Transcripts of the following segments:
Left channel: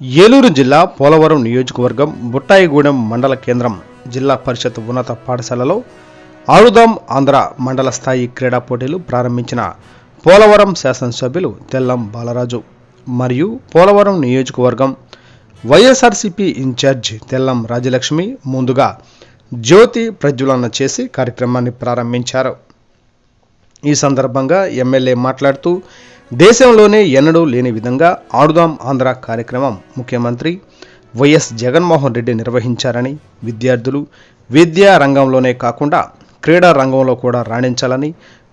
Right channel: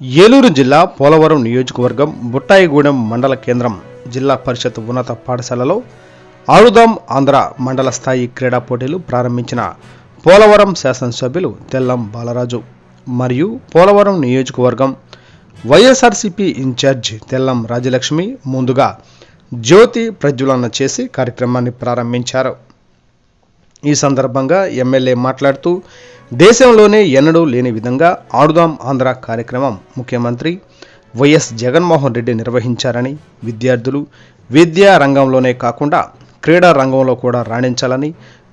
ఏలూరు జిల్లా పోలవరం నియోజకవర్గం బుట్టాయిగూడెం మండల కేంద్రం జిల్లా పరిషత్ ఉన్నత పాఠశాలలో ఆడుదాం ఆంధ్ర మండల స్థాయి క్రీడా పోటీలు ప్రారంభించిన పోలవరం శాసనసభ్యులు తెల్లం బాలరాజు మరియు పోలవరం నియోజకవర్గం వైఎస్ఆర్సీపీ ఇన్ఛార్జ్ తెల్లం రాజలక్ష్మి ముందుగా జ్యోతి ప్రజ్వలన చేసి కార్యక్రమాన్ని ప్రారంభించారు. ఈ సందర్భంగా ఎమ్మెల్యే మాట్లాడుతూ దేశంలోనే ఎన్నడూ లేని విధంగా ఆడుదాం ఆంధ్ర కార్యక్రమం ముఖ్యమంత్రి వైఎస్ జగన్మోహన్ రెడ్డి నిర్వహించారని, విద్యార్థులు విద్యా రంగంలోనే కాకుండా క్రీడా రంగంలో కూడా రాణించాలని,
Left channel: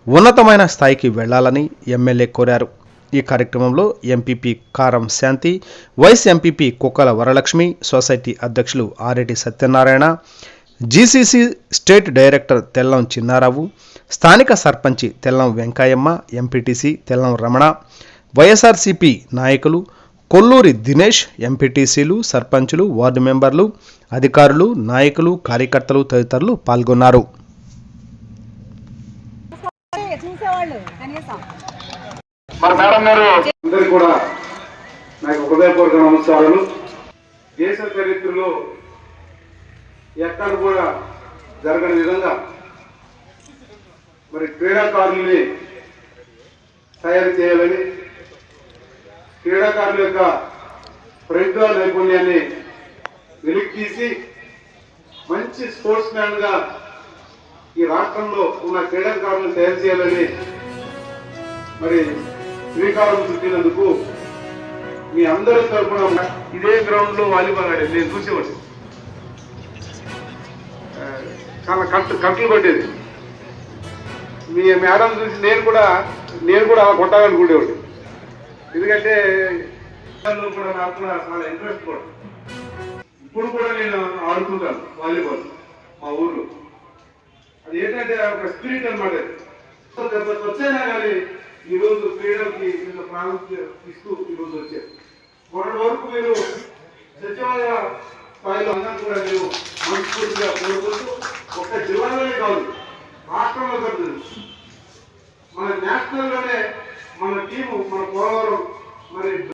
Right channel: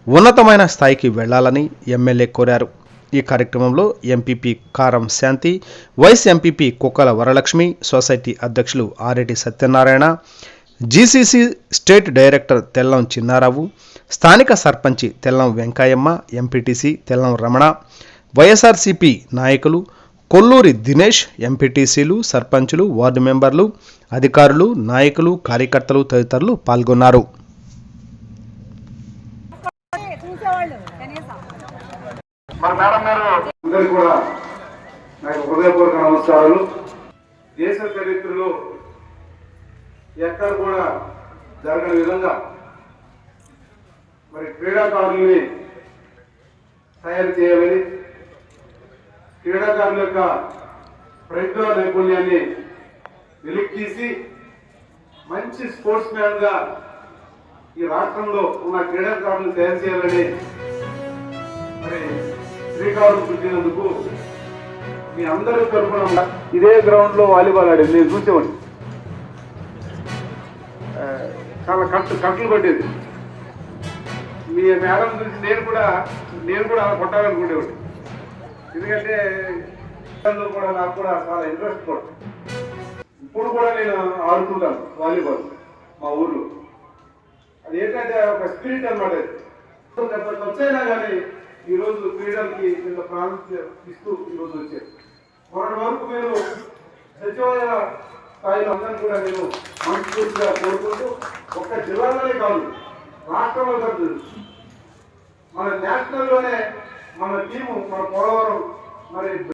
ఉన్నతమైన స్థాయికి వెళ్లాలని ఎమ్మెల్యే కోరారు. ఈ కార్యక్రమంలో ఎంపీపీ కారం శాంతి, వైస్ ఎంపీపీ కుక్కల వరలక్ష్మి, సొసైటీ అధ్యక్షులు Aareddy Satyanarayana, GCC state director Tellam Chinnarao, స్థానిక సర్పంచి తెల్లం వెంకాయమ్మ, ఎంపీటీసీ తెల్లం రమణ, వైఎస్ఆర్సీపీ నాయకులు కొల్లూరి దినేష్, ఎంపీటీసీలు, సర్పంచులు, వార్డు మెంబర్లు, అధికారులు, నాయకులు, కార్యకర్తలు తదితరులు పాల్గొన్నారు. దేశ చరిత్రలో ఎక్కడ కూడా జరగని విధంగా మరి క్రీడాకారుల్ని తయారు చేయాలని, క్రీడాకారుల యొక్క ప్రజ్ఞా నైపుణ్యాన్ని వెలికితీసి మంచి స్పోర్ట్స్ మ్యాన్ గా ఈ రాష్ట్రంలో ఉన్న క్రీడాకారులను తయారు చేయాలని మరి శ్రీకాకుళం చుట్టినందుకు మీ అందరి తరఫున ఇదే గ్రౌండ్ లో వాలీబాల్ ఆడేది నేను చూసేవాడిని. చాలా కట్టలు పట్టేది. మీ మేడం చూసి నేను కూడా అలా కొట్టాలనుకునేవాడు. ఎందుకంటే కూడా నాకు కూడా చాలా ఇంట్రెస్ట్ కూడా. ఇప్పుడు కూడా నేను ఆడుతుంటాను వాలీబాల్ మా ఊర్లో. అది ఏంటంటే ఒక స్పిరిట్ అన్నమాట. వచ్చాయినా కానీ ఈరోజు క్రీడలకి ప్రాముఖ్యత ఇస్తూ ఈరోజు వచ్చారు. మొన్నటి వరకు మీరు సచివాలయ స్థాయిలో అందరూ కూడా నేను మనస్ఫూర్తిగా కోరుకుంటూ ఒక్క జిల్లాలోనే కాదు రాష్ట్రంలో కాదు మన నేషనల్లోనే మన టీము మన పోలవరం మరి